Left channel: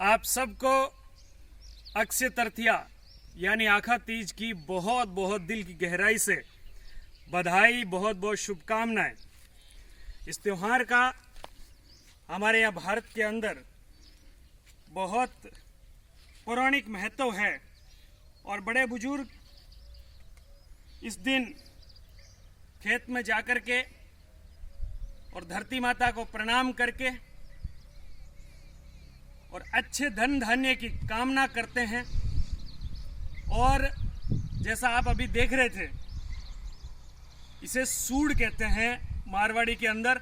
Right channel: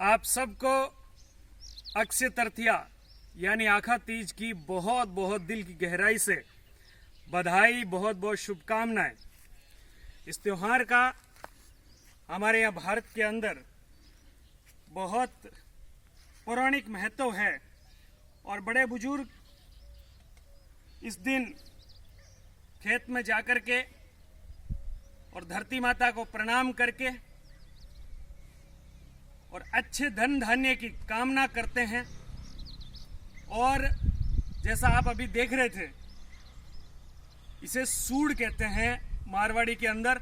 आप सबको अक्षय तृतीया यानी आखा तीज की बहुत बहुत दिल की गहराई से बधाई, बहुत बहुत शुभकामनाएं। इस त्योहार का हमारे यहाँ भारत के अंदर बहुत पौराणिक महत्व है और बड़े बुजुर्ग इस दिन खेत में जाकर के और धरती माता को प्रणाम करके और अच्छे धन धान्य की कामना करते हैं। और जैसा आप अभी देख रहे थे, इसे सूड़ कहते हैं मारवाड़ी के अंदर।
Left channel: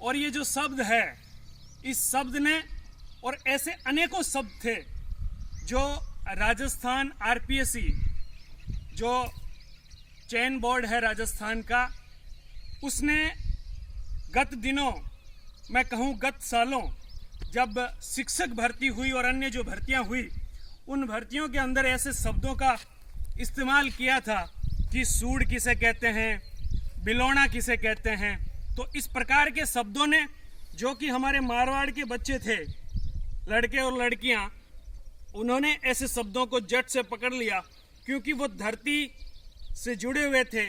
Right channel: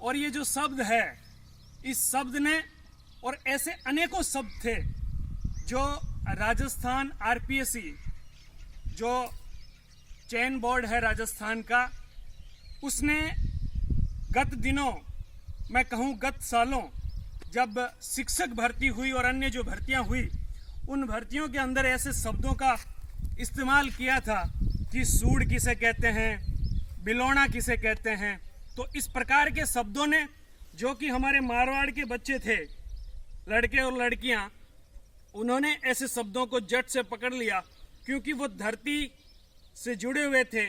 और ये जो शब्द है, इस शब्द ने और ऐसे अनेकों शब्द थे जो राजस्थान आरपीएससी जो चयन बोर्ड है राजस्थान का, उसने गत दिनों, मैं कहूँ गत सालों, जब शिक्षक भर्ती हुई और अन्य जो भर्तियां हुई, उन भर्तियों के अंदर ऐसे शब्दों का इस्तेमाल किया था कि सूड़ किसे कहते हैं, बिलोना किसे कहते हैं। तो इस प्रकार के शब्दों ने, जो कि हमारे मारवाड़ के बच्चे थे, लड़के और लड़कियां, उन्होंने ऐसे शब्दों को जट से पकड़ लिया, क्योंकि वो धरती से जुड़े हुए थे।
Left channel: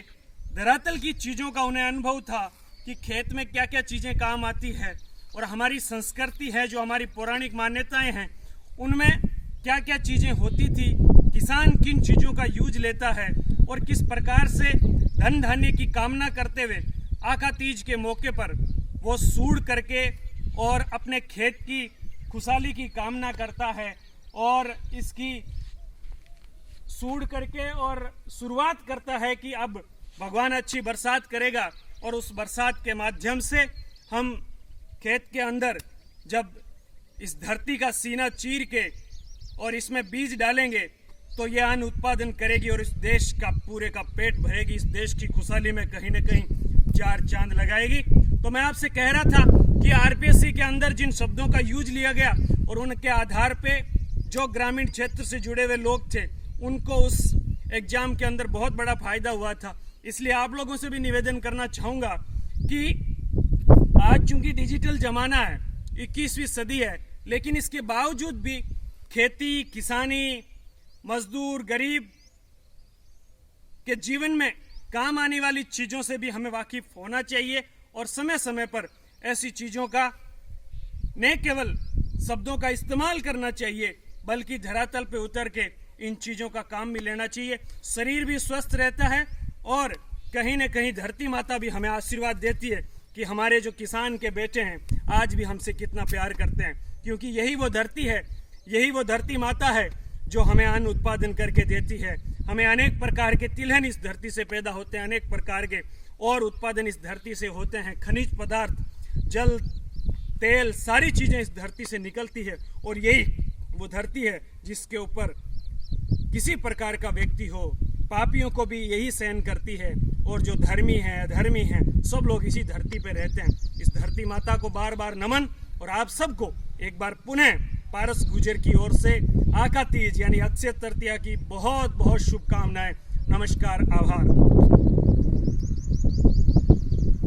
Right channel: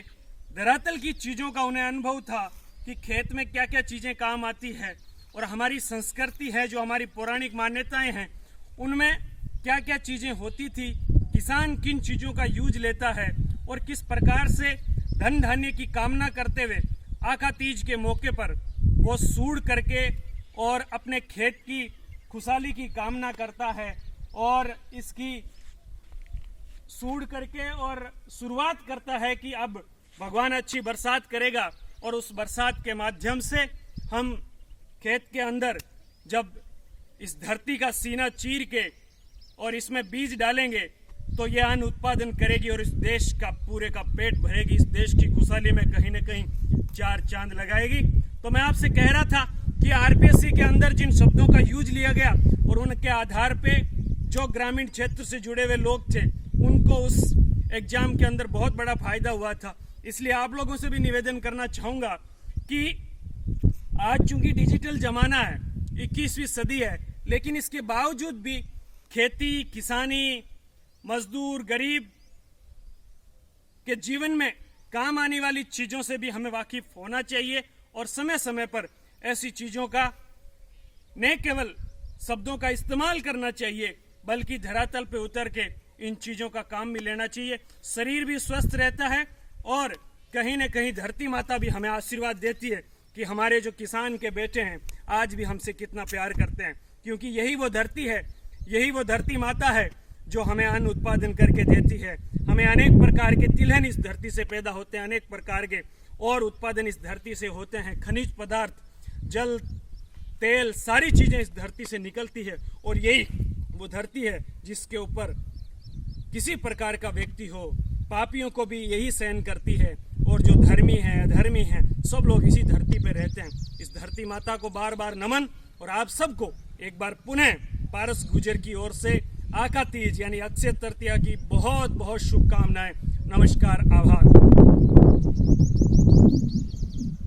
धरातल की चीज़ों का उन्हें अनुभव था कि खेत में क्या क्या चीज़ें काम आती है, और हमारी संस्कृति है, जो हमारी पौराणिक मान्यताएं हैं, उनमें क्या क्या चीज़ें होती थी, किसान किन चीज़ों का यूज लेता है और किस प्रकार से धन धान्य की कामना करते हुए आखा तीज के मौके पर वो सूड़ करके और अपने खेत की खुशहाली की कामना करता है। और इसकी सूड़ करके और शुरुआत करता है कि अब भगवान अच्छी बरसात करेगा, और उस बरसात के माध्यम से हम खेत के अंदर जब इस धरती का सीना चीर के और इसमें बीज डालेंगे, तो यह अन्न उत्पादन करेगी और इस देश का पूरे का पेट भरेगी, इस देश की खुशहाली में कहीं न कहीं चार चांद लगाएगी। तो मैं आपसे कह रहा था कि आरपीएससी के अंदर जिन शब्दों का यूज लिया गया और उनके आधार पे जो ग्रामीण क्षेत्र से जुड़े हुए लोग थे, उनको उस एग्जाम के अंदर बहुत बड़ा फायदा हुआ था। इसलिए आप लोगों से भी निवेदन करना चाहूँगा कि आज चूंकि डिजिटल जमाना है, 21वीं सदी है, लेकिन इसके बावजूद भी खेती, किसानी, मजदूर, गरीब के जीवन में काम आने वाली चीज़ों से भी हमें वाकिफ होना चाहिए। और समय समय पर ऐसी चीज़ों का न केवल शब्दों का इस्तेमाल करना चाहिए, बल्कि धरातल पे उतर के इन चीज़ों का काम भी लेना चाहिए। शरीर भी स्वस्थ रहता है और कहीं न कहीं धरती माता भी हमें आशीर्वाद देती है कि हमारे जो किसान के बेटे हैं आज भी हमसे कितना प्यार करते हैं, क्योंकि यही वो धरती है, यही वो धरती माता है जो हमें अन्न उत्पादन करके देती है। हमें अनेक प्रकार के तिलहन इस धरती से पैदा होते हैं, अनेक प्रकार के और उत्पादन इस धरती से होते हैं। खनिज पदार्थ, जल, तेल, सारी चीज़ें इस धरती से निकलती है, और यही वो धरती है जिसके ऊपर किसी प्रकार का व्यक्ति हो, पापियों को भी यही सहन करती है, और जो धर्मी हैं, अधर्मी हैं, सब लोग इसी धरती पे रहते हैं। इस धरती माता को बार बार नमन, और आप सबको एक बार पुनः पारस गुजर की ओर से आखा तीज यानी अक्षय तृतीया की बहुत बहुत शुभकामनाएं। नमस्कार, आभार।